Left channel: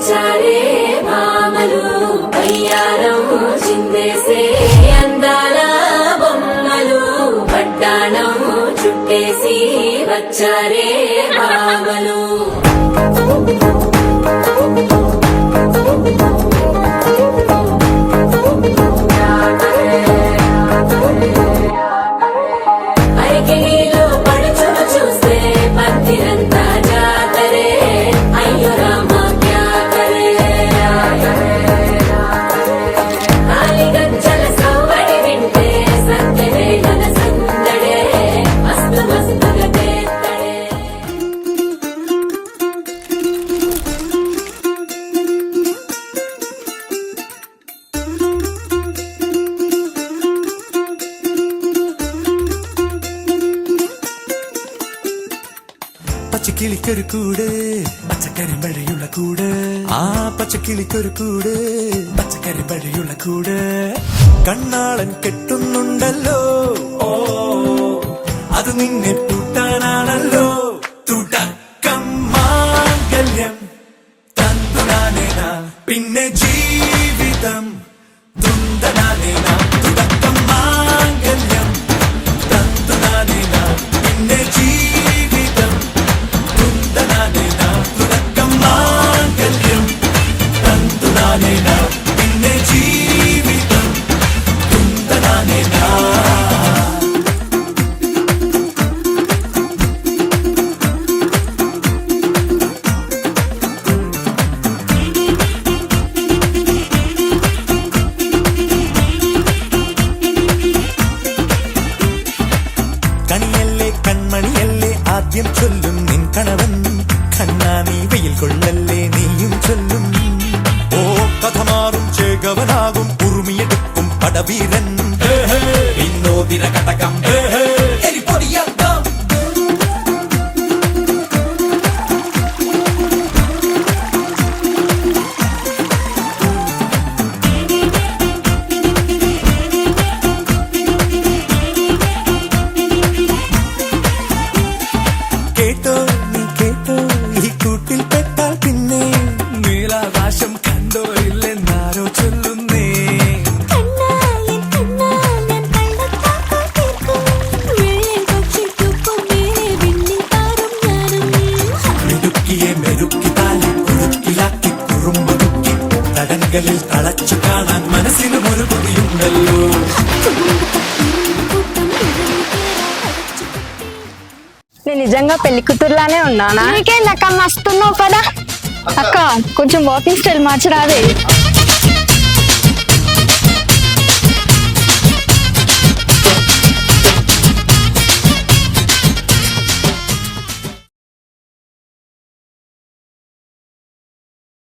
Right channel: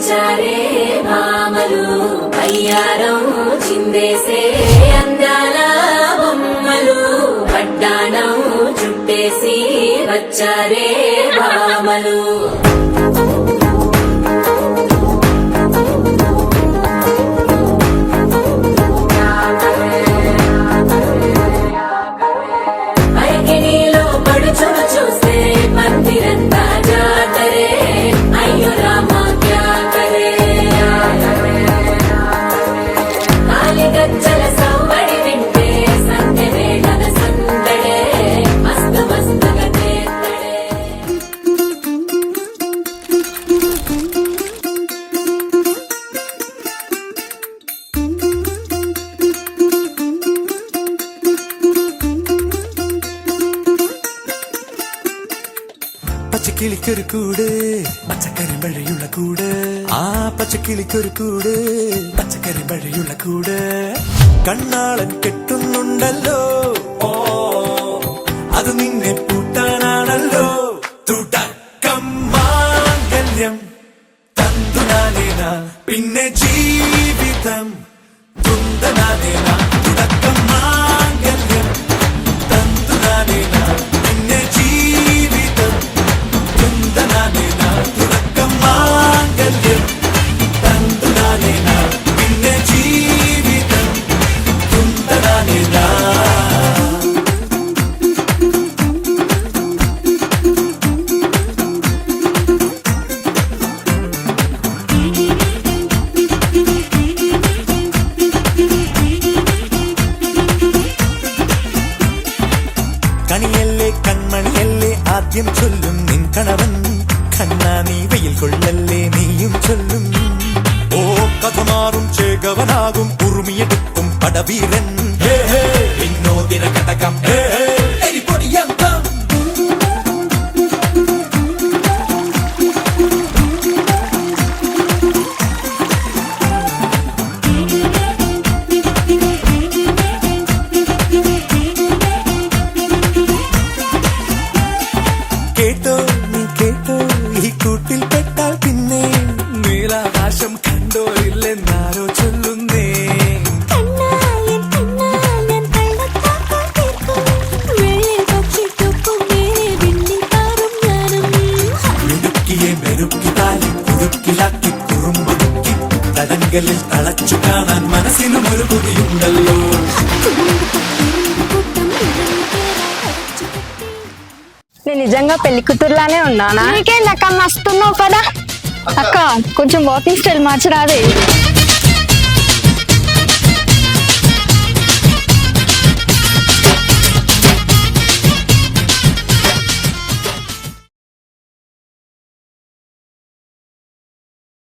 వచ్చారే భామలు అయ్యారం చిందేసే అందాల బొమ్మలు పడ్డాణం చుట్టేసి వచ్చారే భామలు. പച്ചക്കിളിക്കൊരു കൂട് പച്ചക്കരിമ്പഴയുള്ള കൂട്, ആ പച്ചക്കിളിക്കൊരു കൂട് പച്ചക്കരിമ്പഴയുള്ള കൂട്. കണ്ണാളൻ കെട്ടുന്നുണ്ടല്ലോ, അത് നിന്നെ പൂട്ടാനാണല്ലോ. തുടക്കം മാംഗല്യം തന്തുനാനേന, പിന്നെ ജീവിതം തുന്തനാനേന. തുടക്കം മാംഗല്യം തന്തുനാനേന, പിന്നെ ജീവിതം തുന്തനാനേന. തുടക്കം മാംഗല്യം തന്തുനാനേന, പിന്നെ ജീവിതം തുന്തനാനേന. കണിയല്ലേ കൺമണിയല്ലേ ആദ്യം ചൊല്ലും നിൻ കണവൻ, കണ്ണാ നീ വെയിൽ കൊള്ളല്ലേ നീയും ചൊല്ലും. ഓ കഥ മാറും ചേകവനാകും ഉറുമിയെടുക്കും പടവീരൻ. വിനോദിന കടകം കേട്ടോ നീ കേട്ടോ, ഈ കൂട്ടിൽ പെട്ടാൽ പിന്നെ നീലാകാശം കണ്ടോ ഇല്ലെന്നാരോ ചൊല്ലുന്നേ. മിടുക്കിയെ മെരുക്കി താലി കുരുക്കിലാക്കി കുറുമ്പൊതുക്കി തടങ്കലിൽ തളച്ചു കാണാൻ മനസ്സിനും ഒരു കൊതിയുണ്ടല്ലോ. నేను నిజంగా పెళ్లి కూతురులానే ఉన్నానా? నీకేందక్క మస్తున్నావు కదా అక్క కొంచెం వాకింగ్ స్టైల్ మార్చరాదే?